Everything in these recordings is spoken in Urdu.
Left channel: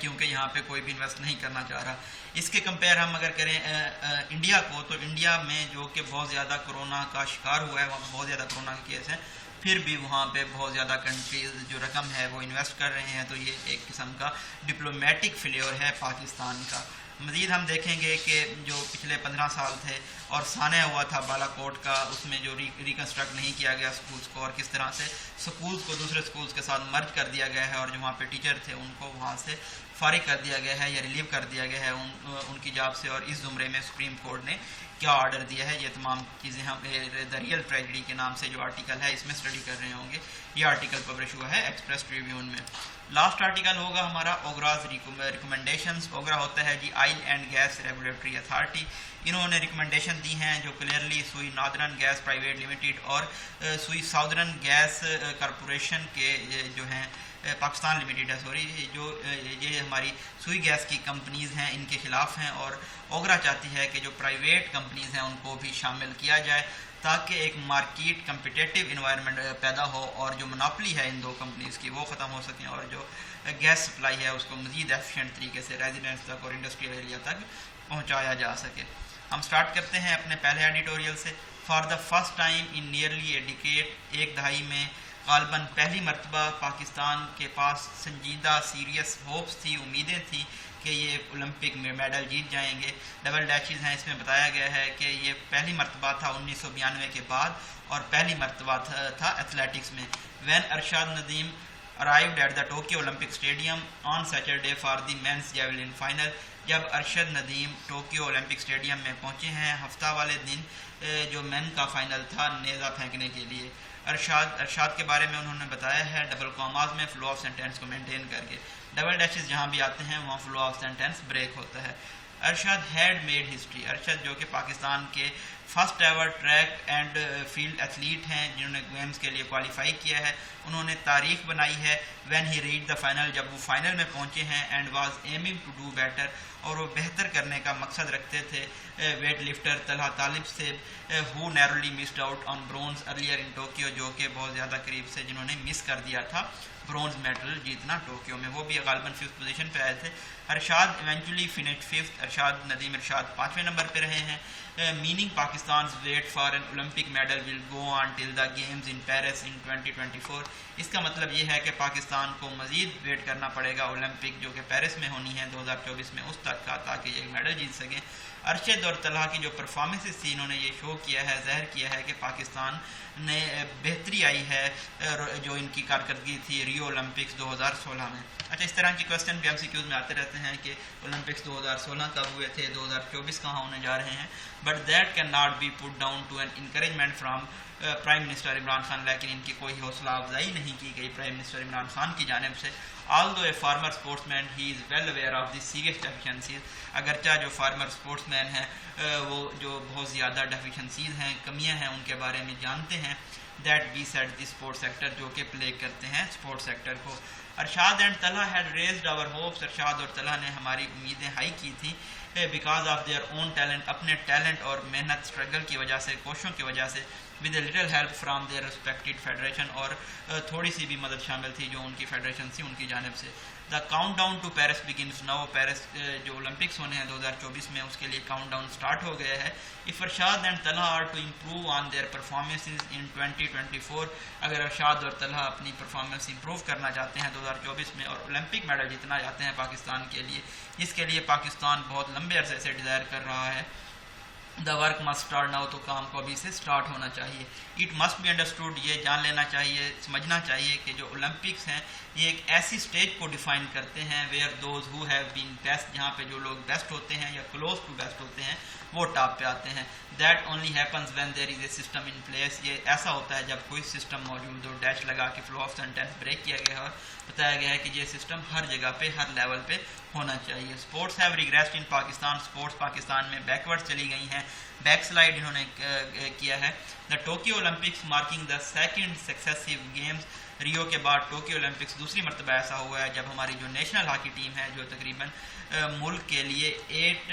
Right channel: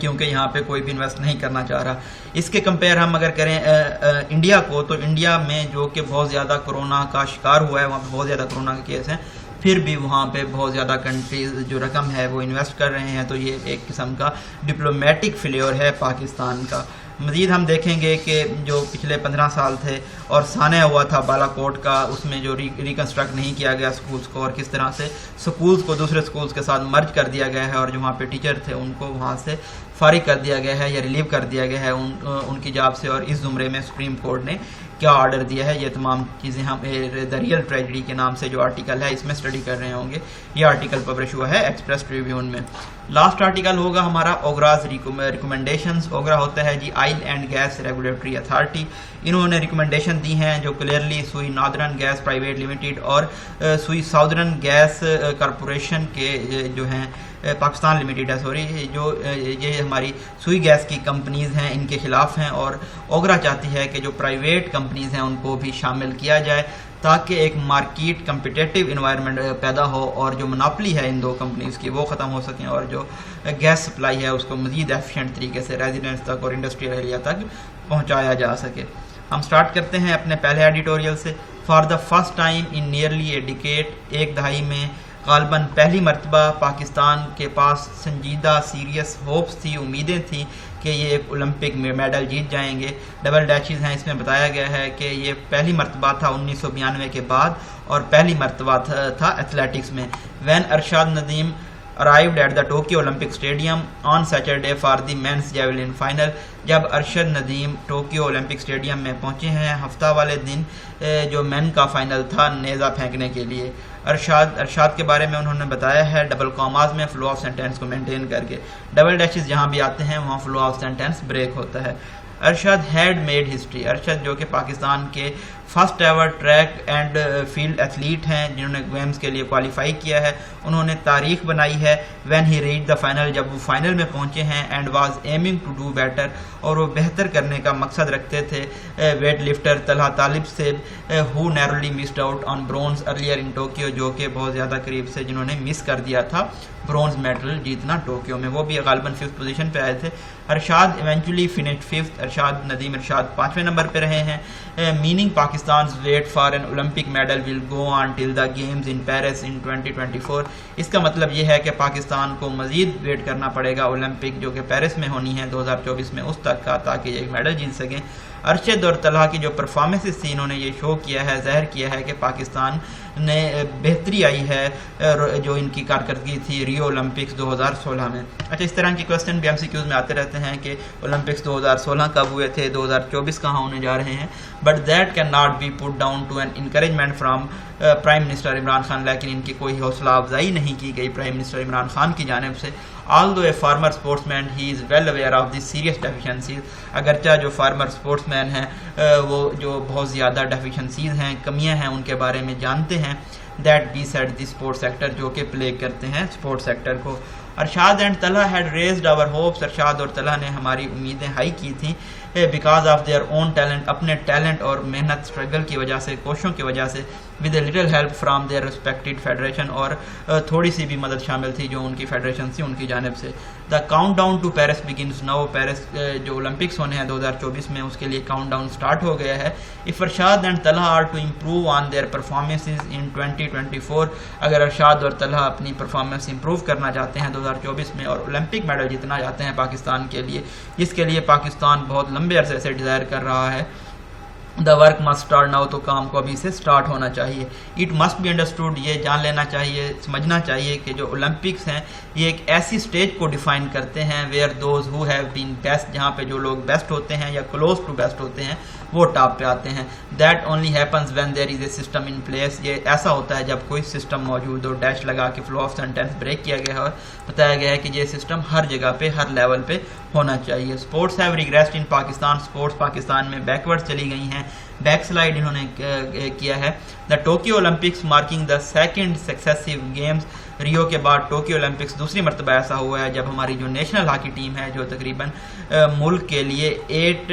کیونکہ یہاں پہ کوئی بھی انویسٹ نہیں کرنا چاہ رہا. اس کے کمپیئر ہم اگر کریں انڈیا کو, تو انڈیا میں جو کہ بہت زیادہ کرونا کا شکار ہوا ہے, وہاں پہ بہت زیادہ کرونا کے کیس ہیں, پھر بھی وہاں پہ بہت زیادہ کنٹریز جو رقم ہے وہ انویسٹ کر رہے ہیں. تو یہ ایک قسم کا ڈپلومیٹک فیلیور ہے پاکستان کا. مزید ہم دیکھیں گے کہ جو پچھلے 15 سال تھے اور سانحہ ہوا تھا بالا کوٹ کا, اس میں جو ریکنسٹرکٹ نہیں کیا گیا سکولز کو, اور کس طرح سے سکولز کو دوسرے سکولز کے ساتھ مرج کر دیا گیا ہے, اور جو وہاں پہ ٹیچر تھے ان کو وہاں سے فارغ کر دیا گیا ہے یا ریلیو کر دیا گیا ہے ان کی جاب سے. اور اس زمرے میں سپریم کورٹ نے کیا آرڈر دیا ہے, یہ تمام چیزیں ہم دا ریئل ٹریجڈی کے نام سے جو آرٹیکل ہے اس میں اسٹڈی کر رہے ہوں گے. یہ آرٹیکل پبلش ہوا ہے ایکسپریس ٹریبیون میں. لاسٹ آرٹیکل ہوگا ہمارا اوگراز ریکمنڈیشنز. اوگرا ہوتا ہے جی oil and gas regulatory authority. انہوں نے ریکمنڈیشن دی ہیں جو کلیئرلی سوئی نادرن گیس پرائیویٹ لمیٹڈ اور سوئی ساؤدرن گیس کارپوریشن کے جو ہیں پاکستان لمیٹڈ ہے سوری, جو یہ ہماری سوئی گیس کی کمپنیز ہیں ان کے خلاف ہیں. اور اوگرا چاہتی ہے کہ جو پرائیویٹ کمپنیز ہیں ان کو بھی شامل کیا جائے تاکہ ایک مارکیٹ کمپٹیٹیو انوائرمنٹ پیدا ہو, اور جو مناپلی ہے ان دو کمپنیز کی وہ ختم ہو سکیں, اور جو گیس سپلائی ہے اس کو مزید ایفیشینٹ طریقے سے ریزیڈنٹس تک اور انڈسٹریل ایریا تک پہنچایا جا سکے. ہم سٹارٹ کرتے ہیں اپنے پہلے ایڈیٹوریل سے. For the first time in nearly a decade, ایک دہائی میں غالباً پہلی مرتبہ پاکستان کے پاس سنجیدہ سیریس ہوپس تھی, امیدیں تھیں کہ یہ ایک اولمپک میڈل جیت جائیں گے. ڈبل ڈیچز ہیں, اس میں بتایا گیا ہے کہ یہ پہلی مرتبہ تھا 1992 کے بعد, اور پہلی مرتبہ تھا ایتھلیٹکس میں. When Irshad Nadeem arrived at the Tokyo Olympic Stadium on Saturday for the men's javelin final. جب Arshad Nadeem Tokyo Olympic stadium میں پہنچے ہیں ہفتہ والے دن جو مین کا فائنل تھا نیزہ پھینکنے کے لیے. ارشاد کے بارے میں انہوں نے بتایا ہے ڈبل کاماز میں فلو آف سینٹینس کو مینٹین کر کے. ڈبل ڈیشز جہاں بھی آتے ہیں وہاں فلو آف سینٹینس بریک ہوتا ہے. Arshad had made history. Arshad جو کہ پاکستان کے first ever track and field athlete ہیں جنہوں نے گیمز کے لیے کوالیفائی کیا ہے, انہوں نے تاریخ بنائی ہے. When he reach the final, جب وہ فائنل میں پہنچے ہیں, and was aiming to do better, اور وہ بہتر کرنے کا مقصد رکھتے تھے ویٹ لفٹر طلحہ طالب سے, who narrowly missed out on bronze earlier in Tokyo, جو کہ بہت زیادہ قریب سے جنہوں نے مس کر دیا تھا برونز میڈل جیتنا ٹوکیو میں. وہ بھی غالباً 5th پوزیشن پہ آئے تھے. Arshad eventually finished 5th. Arshad Nadeem Arshad 5ویں نمبر پہ رہے ہیں. میننگ پاکستان's wait for an Olympic medal will go on till the games in Paris in 2024. اس کا مطلب یہ ہے کہ پاکستان کو مزید ویٹ کرنا پڑے گا اولمپک جو کہ پیرس میں ہونی ہے 2024 میں, اس تک کا, تاکہ یہ ایک میڈل جیت سکیں. ارشد اور طلحہ کی جو پرفارمنسز تھی انہوں نے یہ شو کیا ہے, ظاہر کیا ہے کہ پاکستان نے بہتری آئی ہے جو ان کی کارکردگی تھی ریو اولمپکس 2016 میں. اچھا, اس طرح کی کوسچن بھی MCQs میں آتے رہتے ہیں کہ اولمپکس 2016 کب ہوئے تھے, 2024 کہاں ہونے جا رہے ہیں. But that can not be put down to an encouragement from prime minister Imran Khan. لیکن ان کی کوئی حوصلہ افزائی نہیں کی گئی پرائم منسٹر عمران خان کی جانب سے. although a former sportsman he is well aware of the serious deficiencies. اگرچہ جو فارمر اسپورٹس مین ہیں وہ جو بہت زیادہ ڈیفیشنسیز ہیں, کمیاں ہیں, ان کے بارے میں جانتے ہیں. That beset the sports sector, جو کہ پلے کرتے ہیں اسپورٹس سیکٹر کو. Arshad and Talha had raised our hopes. ارشاد اور طلحہ نے ہماری امیدیں ہائی کی تھیں because of their own talent, اپنے ٹیلنٹ اور محنت اسٹرگل کی وجہ سے, کوششوں کی وجہ سے, with a little help from their respected federation, اور تھوڑی سی بھی مدد شامل تھی جو ان کی فیڈریشن تھی ان کی جانب سے. The count down to Paris begins now. Paris جو اولمپکس ہونے ہیں 2024 میں, اس کے لیے کاؤنٹ ڈاؤن اسٹارٹ ہو گیا ہے. If Arshad and Talha are to improve on their performances in 2024, اگر ارشاد اور طلحہ اپنی پرفارمنس امپروو کرنا چاہتے ہیں 2024 میں اور اولمپک میڈل جیتنا چاہتے ہیں پاکستان کے لیے, جس کے لیے پاکستان بہت لمبے عرصے سے ڈیزائر کر رہا ہے, the work must start now. تو کام کو ابھی سے اسٹارٹ ہونا چاہیے. اٹ مسٹ بی انڈرسٹوڈ, یہ جان لینا چاہیے, سمجھنا چاہیے کہ جو اولمپکس ہیں یہ ایک ایسی اسٹیج کو ڈیفائن کرتے ہیں where those who have been best, جہاں پہ جو لوگ بیسٹ ہوتے ہیں یا کلوز ٹو بیسٹ ہوتے ہیں وہ ٹاپ پہ آتے ہیں. That only happens when there is a system in place. یہ ایسا ہوتا ہے جب کوئی سسٹم موجود ہو. ڈیش لگا کے فلو آف سینٹینس بریک کیا گیا ہے اور بتایا گیا ہے کہ یہ سسٹم ہر جگہ پہ, ہر لیول پہ ہونا چاہیے. Sports have regressed in Pakistan. Sports Pakistan میں بیکورڈ چلی گئی ہیں, بیک سلائڈ انہوں نے کیا ہے. The Tokyo Olympics marking the second successive games. Rio کے بعد ٹوکیو اولمپکس دوسری مرتبہ ایسا ہوا ہے جب ہماری جو نیشنل ہاکی ٹیم ہے جو تقریباً ملک کے لیے 8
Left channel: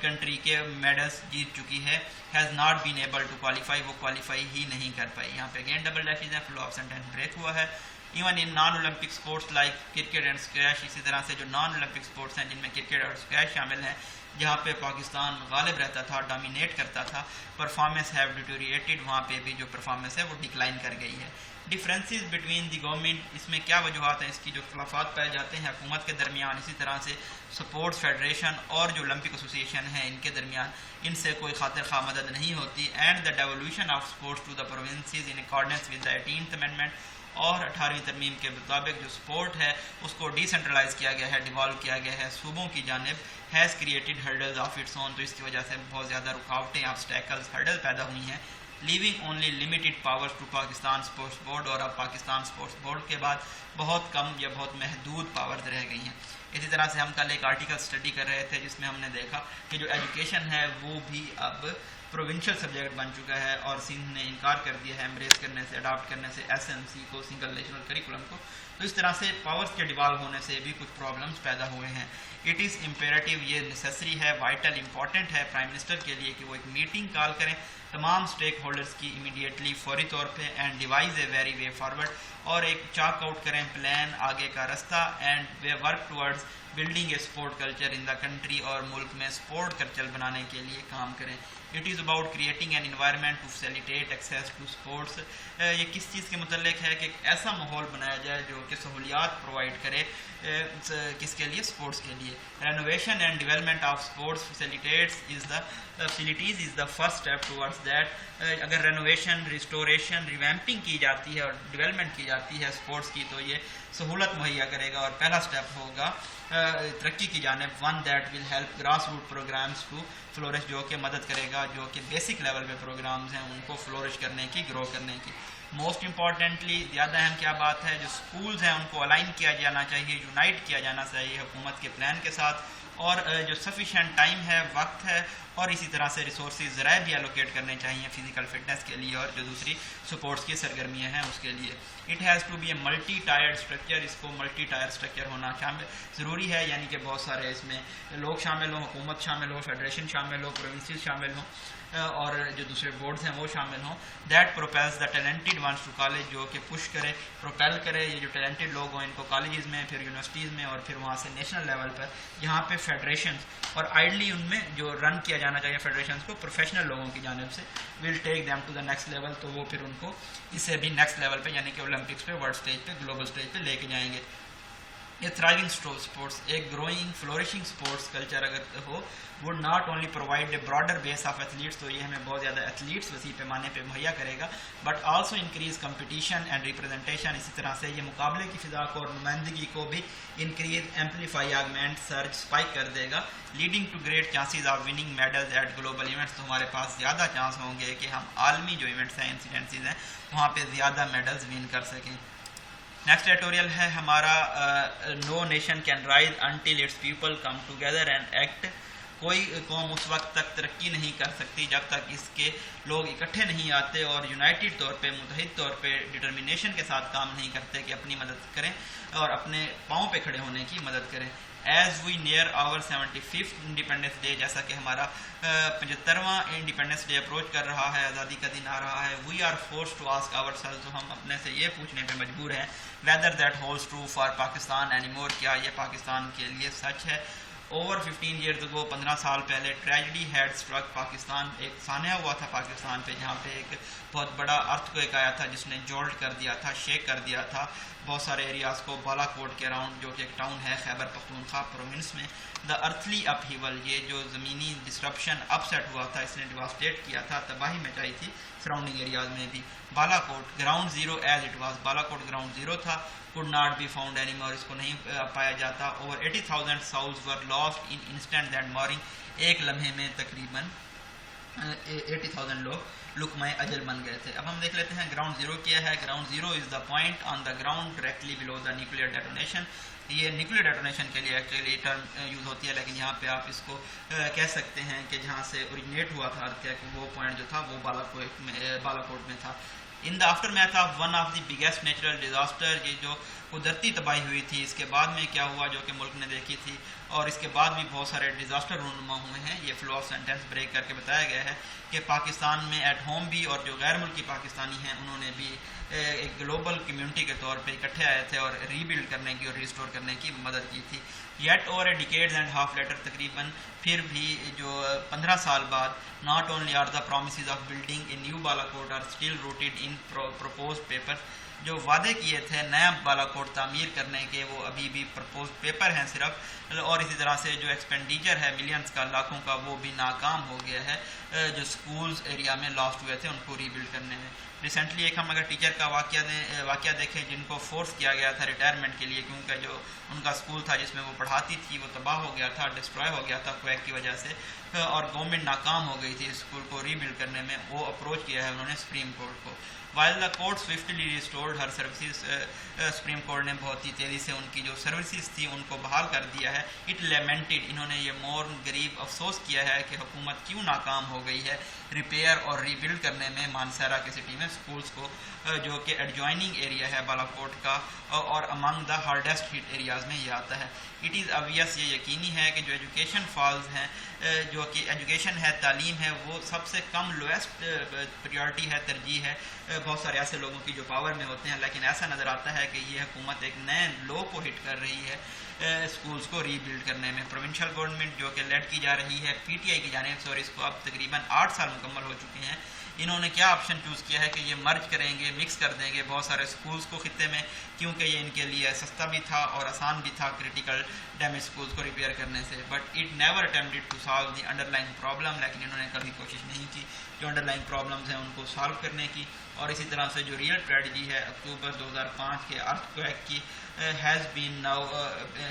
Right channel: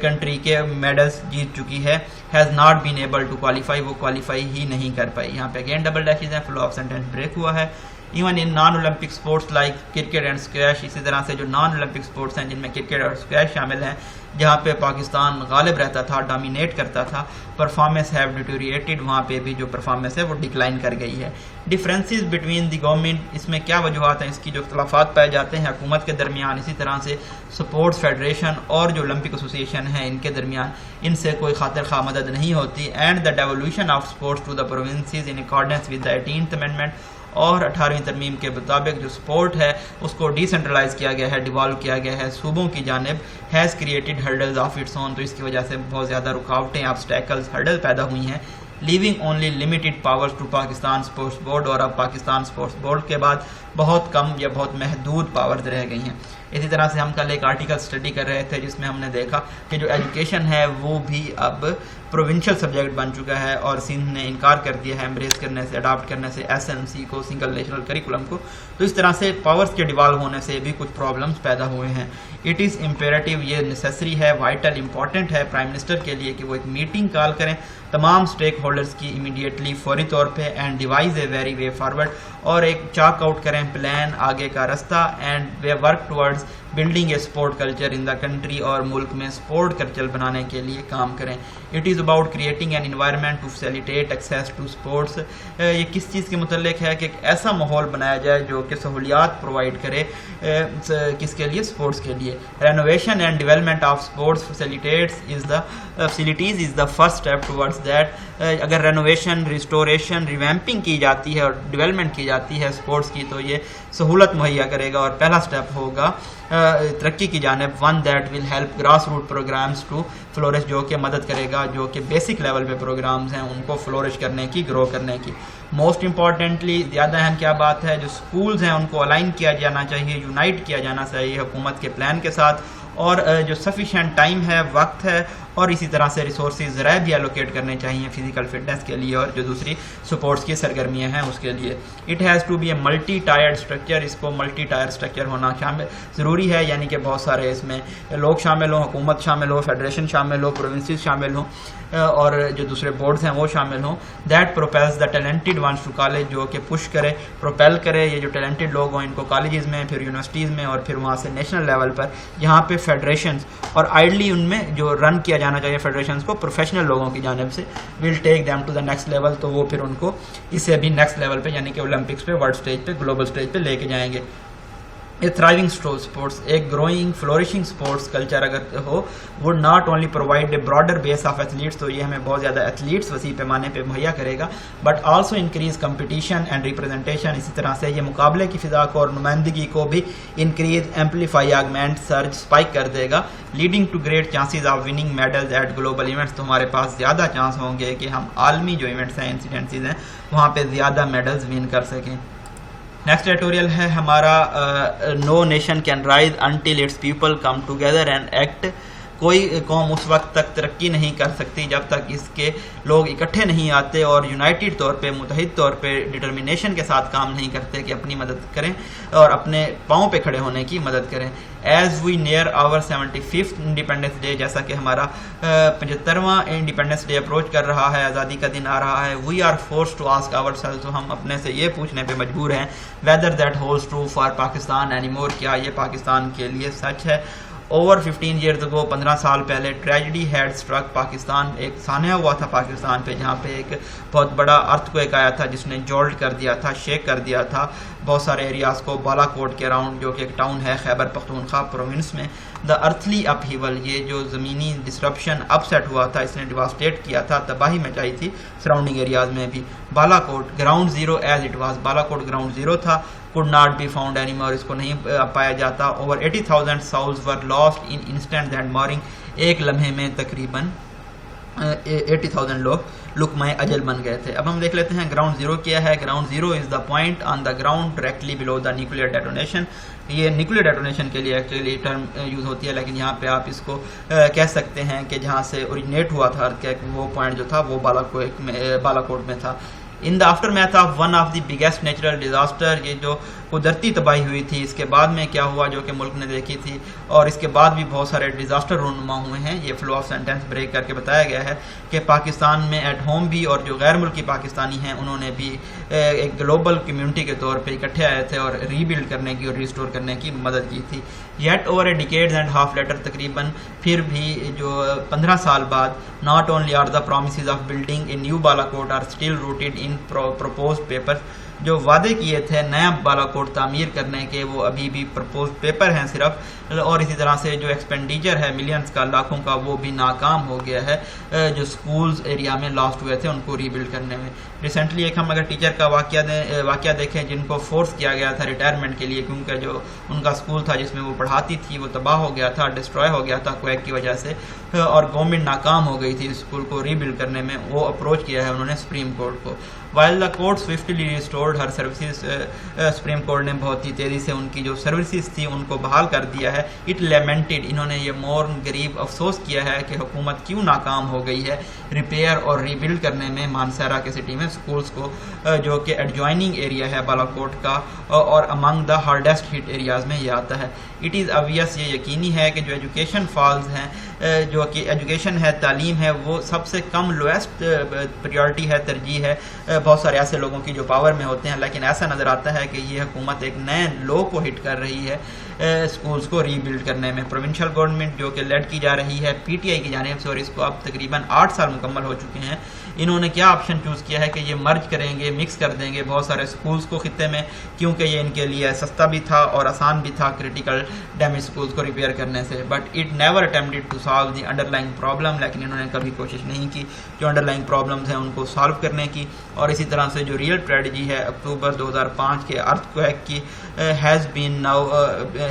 کنٹری کے میڈلز جیت چکی ہے, has not been able to qualify. وہ کوالیفائی ہی نہیں کر پائی. یہاں پہ اگین ڈبل ڈیشز ہیں, فلو آف سینٹینس بریک ہوا ہے. Even in non Olympic sports like cricket and squash. اسی طرح سے جو نان اولمپک اسپورٹس ہیں جن میں کرکٹ اور اسکویش شامل ہیں, جہاں پہ پاکستان غالب رہتا تھا, ڈومینیٹ کرتا تھا, پرفارمنس ہیو ڈیٹوریٹڈ, وہاں پہ بھی جو پرفارمنس ہے وہ ڈکلائن کر گئی ہے. ڈفرینسز بٹوین دی گورنمنٹ, اس میں کیا وجوہات ہیں, اس کی جو اختلافات پائے جاتے ہیں حکومت کے درمیان, اسی طرح سے سپورٹس فیڈریشن اور جو اولمپک ایسوسیشن ہے ان کے درمیان, ان سے کوئی خاطر خواہ مدد نہیں ہوتی. And the devolution of sports to the provinces in accordance with the 18th amendment, اور 18ویں ترمیم کے مطابق جو سپورٹ ہے اس کو ڈی سینٹرلائز کیا گیا ہے, ڈیوالو کیا گیا ہے صوبوں کی جانب, has created hurdles of its own, تو اس کی وجہ سے بہت زیادہ رکاوٹیں, آبسٹیکلز, ہرڈل پیدا ہوئی ہیں, leaving only limited powers to Pakistan sports board, اور اب پاکستان اسپورٹس بورڈ کے بعد بہت کم یا بہت محدود پاورز رہ گئی ہیں. اسی طرح سے ہم کل ایک آرٹیکل اسٹڈی کر رہے تھے جس میں ہم نے دیکھا کہ جو ایجوکیشن ہے وہ بھی اب پروونشل سبجیکٹ بن چکا ہے, اور سندھ نے انکار کر دیا ہے امبریس کرنے سے, اڈاپٹ کرنے سے SNC کو, سنگل نیشنل کریکولم کو. تو اس طرح سے پاورز کے ڈیوالو ہونے سے بھی کچھ پرابلمس پیدا ہوئے ہیں. اٹ از امپیریٹیو, یہ نیسیسری ہے, وائٹل, امپورٹنٹ ہے پرائم منسٹر کے لیے کہ وہ ایک میٹنگ کال کریں تمام اسٹیک ہولڈرز کی امیڈیٹلی, فوری طور پہ, and devise a very way forward, اور ایک چاک آؤٹ کریں پلان, آگے کا رستہ, and we work towards building a sport culture in the country, اور ملک میں اسپورٹ کلچر بنانے کے لیے کام کریں. It is about creating an environment to facilitate access to sports. یہ کس چیز کے متعلق ہے کہ ایک ایسا ماحول بنایا جائے جو کہ سہولیات پرووائڈ کرے, کس کے لیے, اسپورٹس کے لیے. Renovation and development of sports facilities is the first step towards that. اگر رینوویشن, ریسٹوریشن, ریویمپنگ کی جاتی ہے اور ڈیولپمنٹ کی جاتی ہے اسپورٹس کی, تو یہ سہولت مہیا کرے گا, اور پہلا اسٹیپ ہوگا ترقی کی جانب, one that will help grass root programmes to flourish, جو کہ مدد کرے گا جو کہ بیسک لیول پہ پروگرامز ہیں ان کو فلورش کرنے کی, گرو کرنے کی. موسٹ امپورٹنٹلی, زیادہ اہم کیا بات ہے, جو اسکولز ہیں ان کو الائن کیا جانا چاہیے, یونائٹ کیا جانا چاہیے حکومت کے پلان کے ساتھ, اور جو سفیشینٹ ٹائم ہے, وقت ہے, اور اسی طرح سے ریسورسز ذرائع بھی ایلوکیٹ کرنے چاہیے فزیکل فٹنس کے لیے اور جو دوسری سپورٹس کی سرگرمیاں ہیں اس کے لیے. It has to be a multi tiered structure, اس کو ملٹی ٹائر اسٹرکچر ہونا شامل ضروری ہے, یعنی کہ بہت سارے اس میں لوگ شامل ہوں, حکومت شامل ہو, فیڈریشن شامل ہو, پروونسز شامل ہوں, اور جو دوسرے بورڈز ہیں وہ شامل ہوں. That propels the talented ones to college, جو کہ پش کرے, پروپیل کرے یہ جو ٹیلنٹڈ لوگ ہوں ان کو کالجز میں, پھر یونیورسٹیز میں, اور پھر وہاں سے نیشنل لیول پر جہاں پہ فیڈریشنز, اور آئیڈلی ان میں جو رن کیا جانا چاہیے فیڈریشنز کو پروفیشنل لوگوں کی جانب سے, will take them to the next level, تو وہ پھر ان کو اس سے بھی نیکسٹ لیول پہ, یعنی کہ اولمپکس پہ, ورلڈ اسٹیج پہ, گلوبل اسٹیج پہ لے کے جائیں گے. A thriving sports, ایک growing, flourishing sports culture اگر ہو, would not only provide a broader base of athletes, تو یہ ہمیں بہت زیادہ ایتھلیٹس وسیع پیمانے پہ مہیا کرے گا, but also increase competition and representation, اسی طرح سے یہ مقابلے کی فضا کو اور نمائندگی کو بھی increase, amplify, augment, surge, spike کر دے گا, leading to great chances of winning medals at global events, تو ہمارے پاس زیادہ چانس ہوں گے کہ ہم عالمی جو ایونٹس ہیں, انسیڈنسز ہیں, وہاں پہ زیادہ میڈلز ون کر سکیں. نیکسٹ ایڈیٹوریل ہے ہمارا, no nation can rise until its people come together and act. کوئی قوم اس وقت تک ترقی نہیں کر سکتی جب تک اس کے لوگ اکٹھے نہیں آتے اور یونائٹڈ طور پہ, متحد طور پہ, ڈٹرمنیشن کے ساتھ کام نہیں کرتے کہ اپنی مدد کریں اور اپنے پاؤں پہ کھڑے ہونے کی مدد کریں. As we near our 75th independence day, جیسا کہ ہمارا 75واں انڈیپینڈنس ڈے اپروچ کر رہا ہے, آزادی کا دن آ رہا ہے, we are forced to ask ourselves, تو ہم اپنے سے یہ پوچھنے پہ مجبور ہیں, whether that holds true for Pakistan any more, کیا یہ پاکستان کے لیے سچ ہے. اوور 15 years ago, 15 سال پہلے, ٹریجڈی ہیڈ اسٹرک پاکستان, ایک سانحہ ہوا تھا پاکستان پہ, جہاں پہ ایک بہت بڑا ارتھ کویک آیا تھا جس نے جولٹ کر دیا تھا, شیک کر دیا تھا بہت سارے ایریاز کو, بالا کوٹ کے اراؤنڈ, جو کہ ایک ٹاؤن ہے خیبر پختونخوا پروونس میں. دا ارتھلی اپ ہیول, یہ جو زمینی ڈسرپشن اپ سیٹ ہوا تھا, اس نے ڈیواسٹیٹ کیا تھا, تباہی مچائی تھی سراؤنڈنگ ایریاز میں بھی. Balakot ground zero as it was, Balakot ground zero تھا, could not be found anymore, اس کو نہیں پایا جاتا. over 80,000 souls were lost in instant and mooring, ایک لمحے میں تقریباً 80,000 لوگ لقمۂ اجل بن گئے تھے. اب ہم دیکھ لیتے ہیں گراؤنڈ زیرو کیا ہے. Ground zero is the point on the ground directly blue the nuclear ڈیٹونیشن. یہ نیوکلیئر ڈیٹونیشن کے لیے ایکچولی ٹرم یوز ہوتی ہے, لیکن یہاں پہ آپ اس کو کہہ سکتے ہیں کہ جہاں سے اوریجنیٹ ہوا تھا وہ پوائنٹ جو تھا وہ بالا کوٹ میں تھا. ان the after math of one of the biggest natural disaster, یہ جو قدرتی تباہی ہوئی تھی اس کے بعد میں کیا ہوا جو کہ ملک نے دیکھی تھی، اور اس کے بعد بھی بہت سارے ڈیزاسٹر رونما ہوئے ہیں. یہ فلو آف سینٹینس بریک کر کے بتایا گیا ہے کہ پاکستان میں ایٹ ہوم بھی اور جو غیر ملکی پاکستانی ہیں انہوں نے بھی ایک گلوبل کمیونٹی کے طور پہ اکٹھے آئے تھے اور ری بلڈ کرنے کی اور ریسٹور کرنے کی مدد کی تھی. Yet over a decades and half letter, تقریباً پھر بھی جو 15 سال بعد، not only are the promises of building a new بالا کوٹ are still rooted in proposed paper, جو وعدے کیے تھے نیا بالا کوٹ تعمیر کرنے کے وہ ابھی بھی پرپوز پیپر ہیں صرف، اور اسی طرح سے جو ایکسپینڈیچر ہے ملینز کا، لاکھوں کا، وہ بھی ناکام ہو گیا ہے جو سکولز ایریا میں لاسٹ ہوئے تھے ان کو ری بلڈ کرنے میں. ریسنٹلی ایک ہم اگر ٹیچر کا واقعہ دیکھیں جن کو فورس کیا گیا تھا ریٹائرمنٹ کے لیے کیونکہ جو ان کا اسکول تھا جس میں وہ پڑھاتی تھی وہ تباہ ہو گیا تھا، ڈسٹروائے ہو گیا تھا کویک کی وجہ سے، اور گورنمنٹ ناکام ہو گئی تھی اسکول کو ری بلڈ کرنے میں. وہ اپروچ کیا ہے انہوں نے سپریم کورٹ کو. While the court swiftly restored Hare services, supreme court نے بہت ہی تیزی سے ان کی جو سروسز تھی ان کو بحال کر دیا ہے. اٹ لیمنٹڈ، انہوں نے یہ مورن غریب افسوس کیا ہے کہ حکومت کیوں ناکام ہو گئی ہے ریپیئر اور ری بلڈ کرنے میں مانسہرہ کے سٹی میں سکولز کو، جو کہ ایڈجوائننگ ایریا ہے بالا کوٹ کا اور امنگ دا ہارڈیسٹ ہٹ ایریاز میں یہ آتا ہے. اٹ از obvious، یہ یقینی ہے کہ جو ایجوکیشن فالز ہیں، جو کہ ایجوکیشن ہے، تعلیم ہے، وہ سب سے کم لویسٹ پریورٹی ہے، ترجیح ہے بہت سارے ایسے لوگوں کی جو پاور میں ہوتے ہیں. لیکن ایسا نظر آتا ہے کہ یہ حکومت ایک نئے لو کو ہٹ کر رہی ہے سکولز کو ری بلڈ کرنے میں. پروونشل گورنمنٹ جو کہ لیڈ کی جا رہی ہے پی ٹی آئی کی جانب سے، اور اس کو اب تقریباً 8 سال مکمل ہو چکے ہیں، انہوں نے کیا آپشن چوز کیا ہے کہ یہ مرج کریں گے، مکس کر دیں گے بہت سارے سکولز کو خطے میں، کیونکہ یہ ان کے لیے سستا بھی تھا اور آسان بھی تھا کریٹیکل ڈیمیج سکولز کو ریپیئر کرنے سے. But it never اٹمپٹڈ to solve the under lying problem, لیکن انہوں نے کبھی کوشش نہیں کی جو انڈر لائنگ پرابلمز ہیں ان کو سالو کرنے کی. اور اسی طرح سے جو ریئل ٹریجڈی ہے اکتوبر 2005 کے ارتھ کویک کی has been now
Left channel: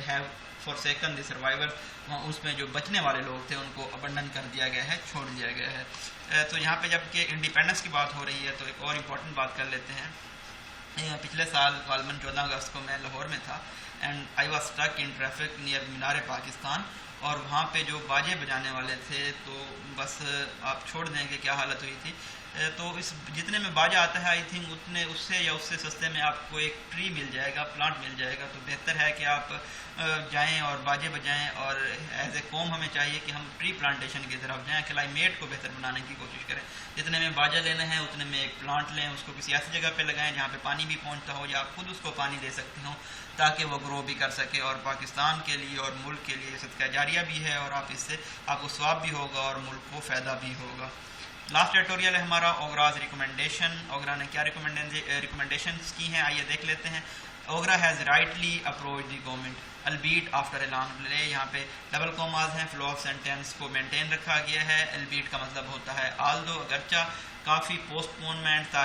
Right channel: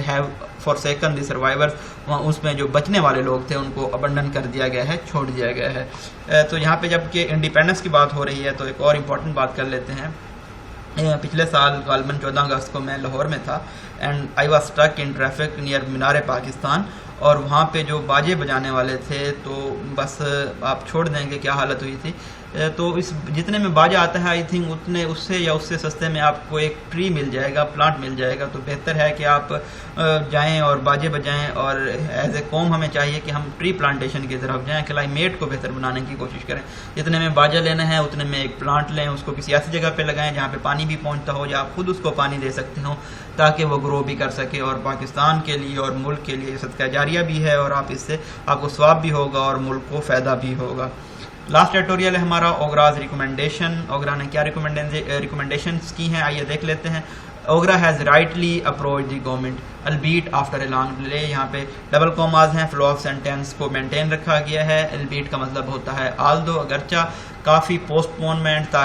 have فورسیکن the survivors, اس میں جو بچنے والے لوگ تھے ان کو ابنڈن کر دیا گیا ہے، چھوڑ دیا گیا ہے. تو یہاں پہ جب کہ انڈیپینڈنس کی بات ہو رہی ہے تو ایک اور امپورٹنٹ بات کر لیتے ہیں. پچھلے سال غالباً 14 اگست کو میں لاہور میں تھا and I was stuck in traffic near مینار پاکستان، اور وہاں پہ جو باجے بجانے والے تھے تو بس آپ چھوڑ دیں گے کیا حالت ہوئی تھی. تو اس جتنے میں باجا آتا ہے آئی تھنک اتنے اس سے یا اس سے سستے میں آپ کو ایک ٹری مل جائے گا، پلانٹ مل جائے گا. تو بہتر ہے کہ آپ جائیں اور باجے بجائیں، اور ایز اے قوم ہمیں چاہیے کہ ہم ٹری پلانٹیشن کی طرف جائیں، کلائمیٹ کو بہتر بنانے کی کوشش کریں. جتنے میں باجا لینا ہے اتنے میں ایک پلانٹ لیں، اس کو کسی ایسی جگہ پہ لگائیں جہاں پہ پانی بھی پہنچتا ہو یا آپ خود اس کو پانی دے سکتے ہوں تاکہ وہ گرو بھی کر سکے. اور پاکستان کے لیے اور ملک کے لیے صدقہ جاریہ بھی ہے، اور آپ اس سے آپ کو ثواب بھی ہوگا اور ملک کو فائدہ بھی ہوگا. لاسٹ ایڈیٹوریل ہے ہمارا اوگراز ریکمنڈیشن. اوگرا نے کیا ریکمنڈیشنز کی ہیں آئیے دیکھ لیتے ہیں. OGRA has rightly approach the government البیٹ after a long delay. یہاں پہ ڈبل کوماز ہیں، فلو آف سینٹینس کو مینٹین رکھا گیا ہے. البیٹ کا مطلب ہوتا ہے آلدو، اگرچہ کافی پوسٹ پونمنٹ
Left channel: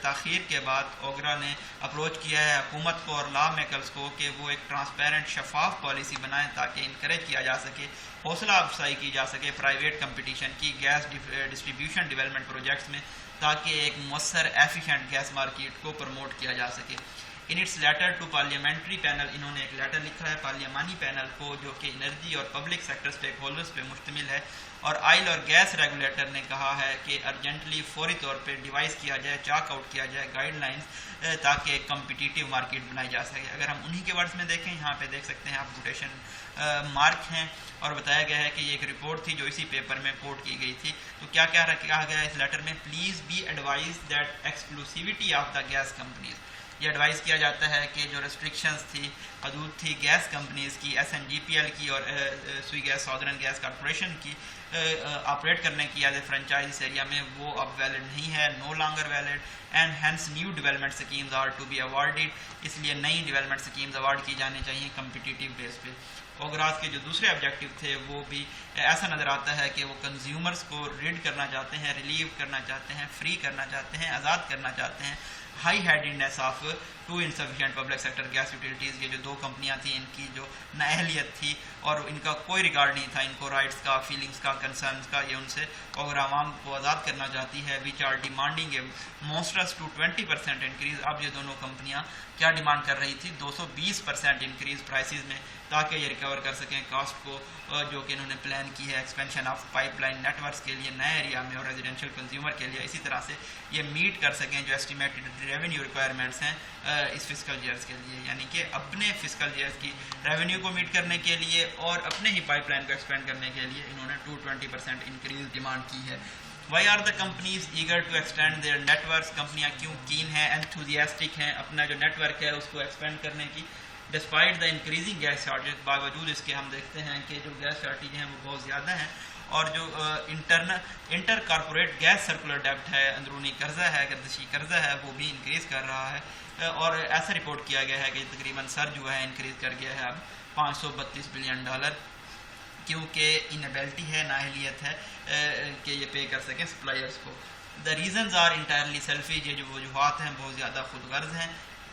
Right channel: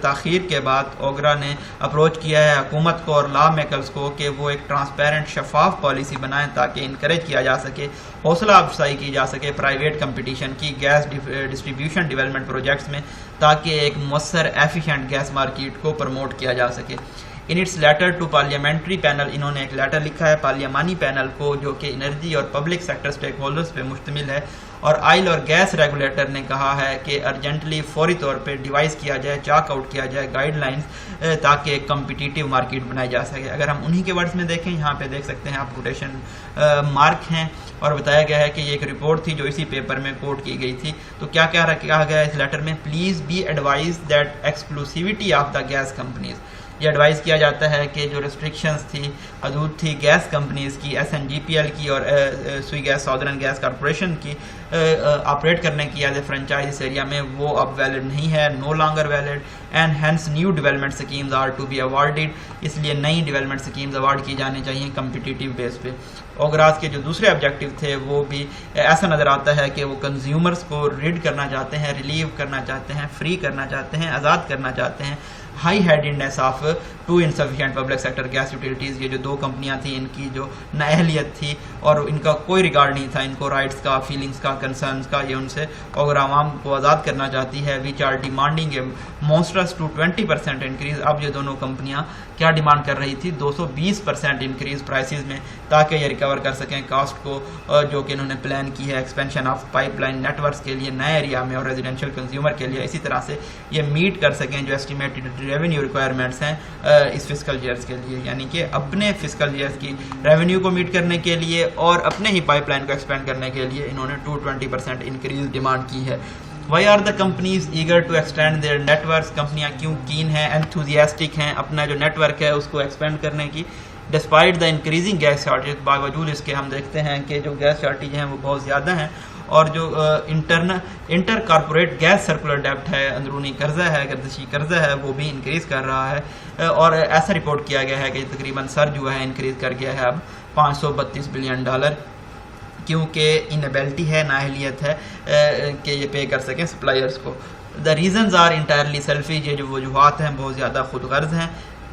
تاخیر کے بعد اوگرا نے اپروچ کیا ہے حکومت کو اور لا میکرز کو کہ وہ ایک ٹرانسپیرنٹ شفاف پالیسی بنائیں تاکہ انکریج کیا جا سکے، حوصلہ افزائی کی جا سکے پرائیویٹ کمپٹیشن کی گیس ڈسٹریبیوشن ڈیولپمنٹ پروجیکٹس میں، تاکہ ایک مؤثر ایفیشینٹ گیس مارکیٹ کو پروموٹ کیا جا سکے. In its letter to parliamentary panel, انہوں نے ایک لیٹر لکھا ہے پارلیمانی پینل کو جو کہ انرجی اور پبلک سیکٹر اسٹیک ہولڈرز پہ مشتمل ہے. اور آئل اور گیس ریگولیٹر نے کہا ہے کہ ارجنٹلی فوری طور پہ ڈیوائز کیا جائے، چاک آؤٹ کیا جائے گائیڈ لائنز تاکہ ایک کمپٹیٹیو مارکیٹ بنائی جا سکے. اگر ہم انہی کے ورڈز میں دیکھیں، یہاں پہ دیکھ سکتے ہیں آپ کوٹیشن مارک ہیں، اور بتایا گیا ہے کہ یہ ایک رپورٹ تھی جو اسی پیپر میں کوٹ کی گئی تھی. تو کیا کہا گیا اس لیٹر میں؟ Please be advise that ایکسکلوسیوٹی of the gas companies. یہ ایڈوائز کیا جاتا ہے کہ جو ریسٹرکشنز تھی، حدود تھی گیس کمپنیز کی، S N G P L کی اور سوئی گیس سادرن گیس کارپوریشن کی آپریٹ کرنے کی as a franchise us area میں، وہ اب ویلڈ نہیں ہے، no longer valid, and hence new development schemes are to be awarded. اس لیے نئی ڈیولپمنٹ اسکیمز اوارڈ کی جانے چاہیے کمپٹیٹیو بیس پہ. اوگراز کے جو دوسرے آبجیکٹیو تھے وہ بھی ایسا نظر آتا ہے کہ وہ کنزیومرز کو ریڈ کرنا چاہتے ہیں، ریلیو کرنا چاہتے ہیں، فری کرنا چاہتے ہیں، آزاد کرنا چاہتے ہیں. High ہیڈنس of two insufficient public sector gas utilities, یہ جو دو کمپنیاں تھیں ان کی جو نااہلیت تھی اور ان کا کوئی ریگارڈ نہیں تھا ان کو رائٹس کا، فیلنگس کا، کنسرنس کا، یہ ان سے اوگر عوام کو آزاد کرنا چاہتی ہے. Which are demanding a monstrous to 20% increase. اب یہ دونوں کمپنیاں کیا ڈیمانڈ کر رہی تھی؟ 220% انکریز پرائسز میں، تاکہ یہ کور کر سکیں کاسٹ کو جو کہ انہوں نے پلان کی ہے expansion of pipeline network کے لیے نئے ایریا میں اور ریزیڈینشیل کنزیومر کے لیے. اسی طرح سے یہ میٹ کر سکیں جو ایسٹیمیٹڈ ریونیو ریکوائرمنٹس ہیں اس فسکل ایئرس کے لیے, یعنی کہ اپنے فسکل ایئرس کی ریونیو کو میٹ کرنے کے لیے اور اپنے ہی پائپ لائن کو ایکسپینڈ کرنے کے لیے انہوں نے 220% انکریز ڈیمانڈ کی ہے. Why are the companies eager to extend their networks? کمپنیاں کیوں کین ہیں, enthusiastic ہیں اپنا جو نیٹ ورک ہے اس کو ایکسپینڈ کرنے کی. Despite the increasing gas shortage, باوجود اس کے ہم دیکھتے ہیں کہ جو گیس شارٹیج ہیں وہ بہت زیادہ ہیں, اور جو انٹر کارپوریٹ گیس سرکولر ڈیبٹ ہے, اندرونی قرضہ ہے, گردشی قرضہ ہے, وہ بھی انکریز کر رہا ہے. اور ایسا رپورٹ کیا گیا ہے کہ تقریباً سر جو ہے انکریز کر گیا ہے اب $532 بلین, کیونکہ انیبلٹی ہے, نااہلیت ہے کہ یہ پے کر سکیں سپلائرز کو. The reasons are entirely selfish, یہ جو وجوہات ہیں بہت زیادہ خود غرض ہیں.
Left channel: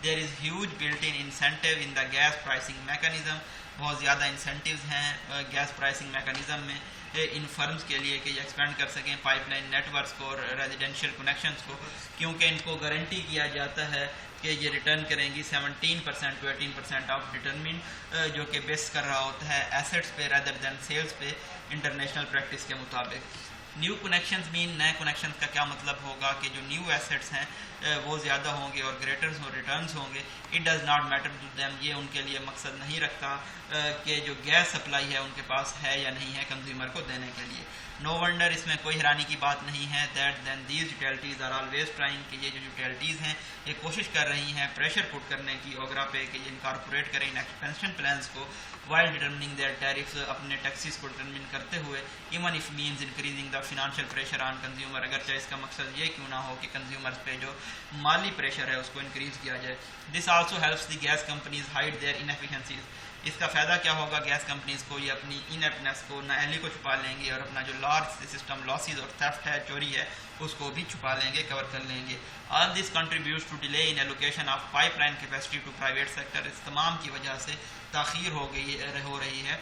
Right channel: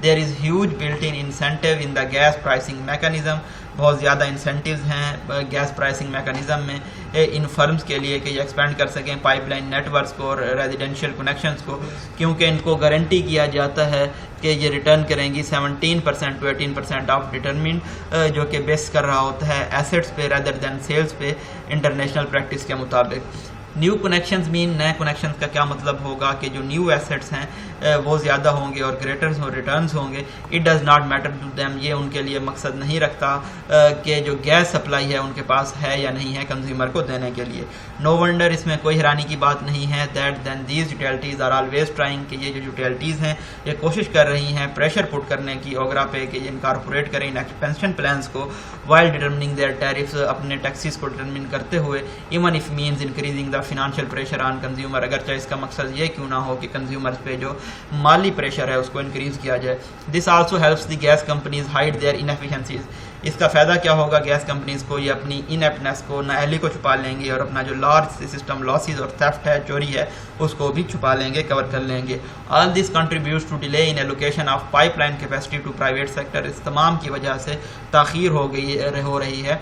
دیر is huge built in incentive in the gas pricing mechanism, بہت زیادہ انسینٹیوز ہیں گیس پرائسنگ میکانزم میں ان فرمز کے لیے کہ یہ ایکسپینڈ کر سکیں پائپ لائن نیٹ ورکس کو اور ریزیڈینشیل کنیکشنز کو, کیونکہ ان کو گارنٹی کیا جاتا ہے کہ یہ ریٹرن کریں گی 17% to 18% آف ڈٹرمنٹ, جو کہ بیس کر رہا ہوتا ہے ایسٹس پہ ریدر دین سیلز پہ انٹرنیشنل پریکٹس کے مطابق. نیو کنیکشنز مین, نئے کنیکشنز کا کیا مطلب ہوگا کہ جو نیو ایسٹس ہیں وہ زیادہ ہوں گے اور گریٹرز اور ریٹرنز ہوں گے. It does not matter to them, یہ ان کے لیے مقصد نہیں رکھتا کہ جو گیس سپلائی ہے ان کے پاس ہے یا نہیں ہے کنزیومر کو دینے کے لیے. نو ونڈر, اس میں کوئی حیرانی کی بات نہیں ہے, that then these utilities are always trying, کہ یہ جو یوٹیلٹیز ہیں یہ کوشش کر رہی ہیں پریشر پٹ کرنے کی اوگرا پہ کہ یہ انکارپوریٹ کریں ان ایکسپینشن پلانس کو وائل ڈٹرمننگ دیئر ٹیرفس, اپنے ٹیکسیز کو ڈٹرمن کرتے ہوئے, even if means increasing the financial pressure on consumer, اگرچہ اس کا مقصد یہ کیوں نہ ہو کہ کنزیومرز پہ جو مالی پریشر ہے اس کو انکریز کیا جائے. This also helps the gas companies hide their انیفیشنسیز, اس کا فائدہ کیا ہوگا گیس کمپنیز کو, یہ اپنی انیپٹنس کو, نااہلی کو چھپا لیں گے اور اپنا جو لارج سسٹم لاسز اور تھیفٹ ہے, چوری ہے, اس کو بھی چھپا لیں گے, کور کر لیں گے. آل دس contributes to delay in allocation of pipe line capacity to private sector, اس تمام کی وجہ سے تاخیر ہو رہی ہے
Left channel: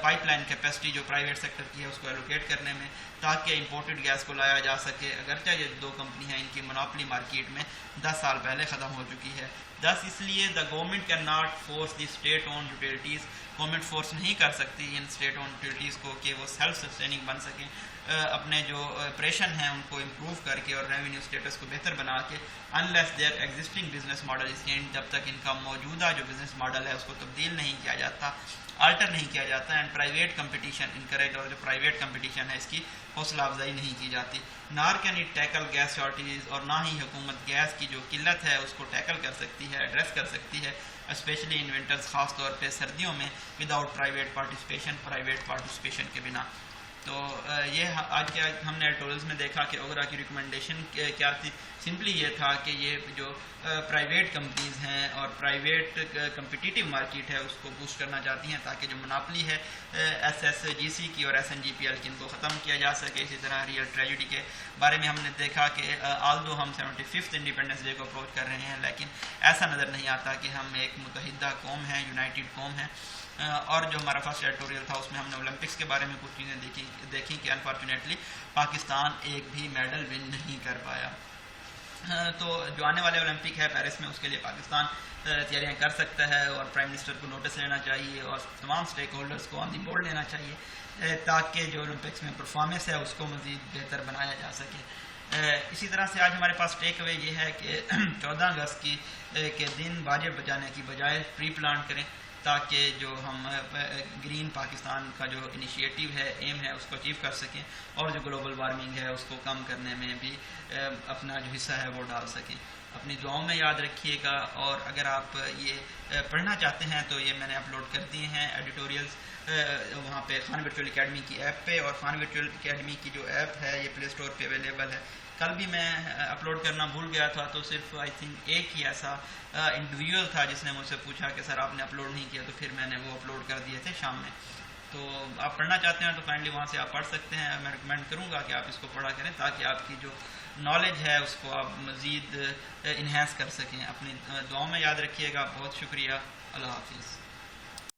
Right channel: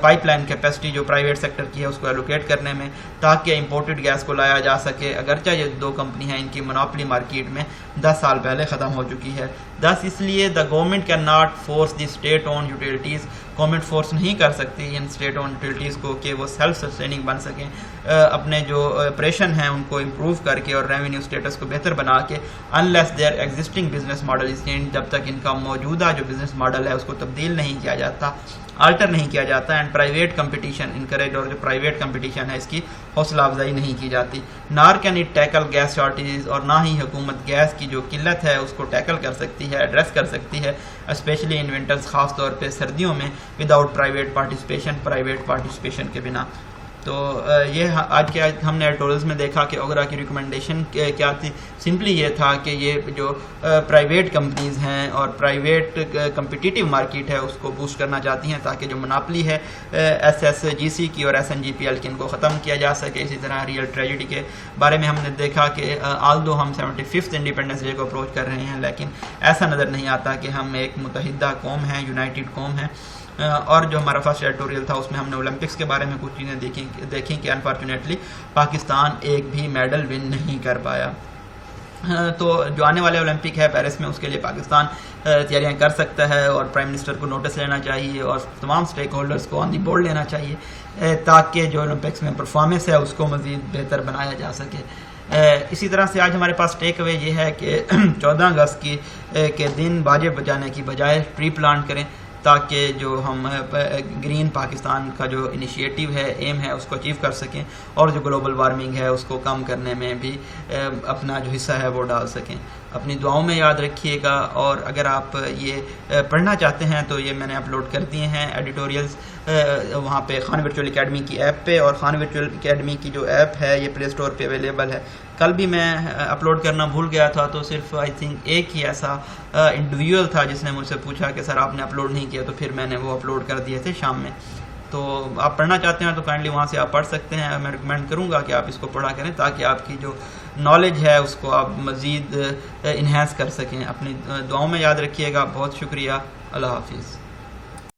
پائپ لائن کیپیسٹی جو پرائیویٹ سیکٹر کی ہے اس کو ایلوکیٹ کرنے میں, تاکہ امپورٹڈ گیس کو لایا جا سکے, اگرچہ یہ دو کمپنی ہیں ان کی منوپلی مارکیٹ میں 10 سال پہلے ختم ہو چکی ہے. دس اس لیے the government can not force the state owned utilities, government force نہیں کر سکتی ان اسٹیٹ اون یوٹیلٹیز کو کہ وہ سیلف سسٹیننگ بن سکیں, اپنے جو آپریشن ہیں ان کو امپروو کر کے اور ریونیو اسٹیٹس کو بہتر بنا کے, unless their existing business model is change, جب تک ان کا موجودہ جو بزنس ماڈل ہے اس کو تبدیل نہیں کیا جاتا, آلٹر نہیں کیا جاتا, اینڈ پرائیویٹ کمپٹیشن انکریج, اور جو پرائیویٹ کمپٹیشن ہے اس کی حوصلہ افزائی نہیں کی جاتی. Nor can it tackle gas shortages, اور نہ ہی حکومت گیس کی جو قلت ہے اس کو ٹیکل کر سکتی ہے, ایڈریس کر سکتی ہے, اسپیشلی ان ونٹرز, خاص طور پہ سردیوں میں, وداؤٹ پرائیویٹ پارٹیسپیشن کے بنا. تو یہ آج کے ہم نے ایڈیٹورلز میں دیکھا کہ اوگرا کی ریکمنڈیشن کیا تھی. سمپلی یہ تھا کہ یہ جو پرائیویٹ کمپنیز ہیں اور پرائیویٹ کمپٹیٹیو مارکیٹ ہے اس کو بوسٹ کرنا چاہتی ہیں, تاکہ جو مناپلی ہے SSGC کی اور SNGPL کی ان کو ختم کیا جا سکے. اسی طرح ریئل ٹریجڈی کے بارے میں ہم نے دیکھا کہ آلدو ہم 75th انڈیپینڈنس ڈے کو اپروچ کر رہے ہیں, لیکن ایسا نظر نہیں آتا کہ ہم ایک متحدہ قوم ہیں, یونائٹڈ قوم ہے. اور جو ہمارا فرسٹ ایڈیٹوریل تھا اس میں ہم نے اولمپکس کے بارے میں کچھ چیزیں دیکھیں کہ انفارچونیٹلی پاکستان ایک بھی میڈل ون نہیں کر پایا. تو جو آنے والے اولمپک ہے پیرس میں, اس کے لیے پاکستان تیاریاں کر سکتا ہے, اور پرائم منسٹر کو نوٹس لینا چاہیے اور تمام اسٹیک ہولڈرس کو آن دی بورڈ لینا چاہیے, تاکہ جو اولمپکس میں پرفارمنس ہے اس کو مزید بہتر بنایا جا سکے. اسی طرح سے آج ہمارے پاس ٹیک اوے یہ ہے کہ 14 اگست کے دن باجے بجانے کی بجائے ٹری پلانٹ کریں, تاکہ جو ہم گرین پاکستان کا جو انیشیٹو ہے, ایم ہے, اس کو اچیو کر سکیں, اور جو گلوبل وارمنگ ہے اس کو کم کرنے میں بھی اپنا جو حصہ ہے وہ ڈال سکیں. اپنی دعاؤں میں یاد رکھیے گا, اور اگر آپ یہ پڑھنا چاہتے ہیں تو یہ میں نے اپلوڈ کر دیے ہیں ایڈیٹوریلز وہاں پہ خان ورچوئل اکیڈمی کی ایپ پہ, اور خان ورچوئل اکیڈمی کی جو ایپ ہے یہ پلے اسٹور پہ اویلیبل ہے. کل بھی میں اپلوڈ کرنا بھول گیا تھا, تو صرف آئی تھنک ایک ہی ایسا انڈیویجول تھا جس نے مجھ سے پوچھا کہ سر آپ نے اپلوڈ نہیں کیا, تو پھر میں نے وہ اپلوڈ کر دیے تھے شام میں. تو آپ پڑھنا چاہتے ہیں تو کائنڈلی وہاں سے آپ پڑھ سکتے ہیں. میں ریکمینڈ کروں گا کہ آپ اس کو پڑھا کریں, تاکہ آپ کی جو نالج ہے اس کو آپ مزید انہینس کر سکیں. اپنی دعاؤں میں یاد رکھیے گا. بہت شکریہ. اللہ حافظ.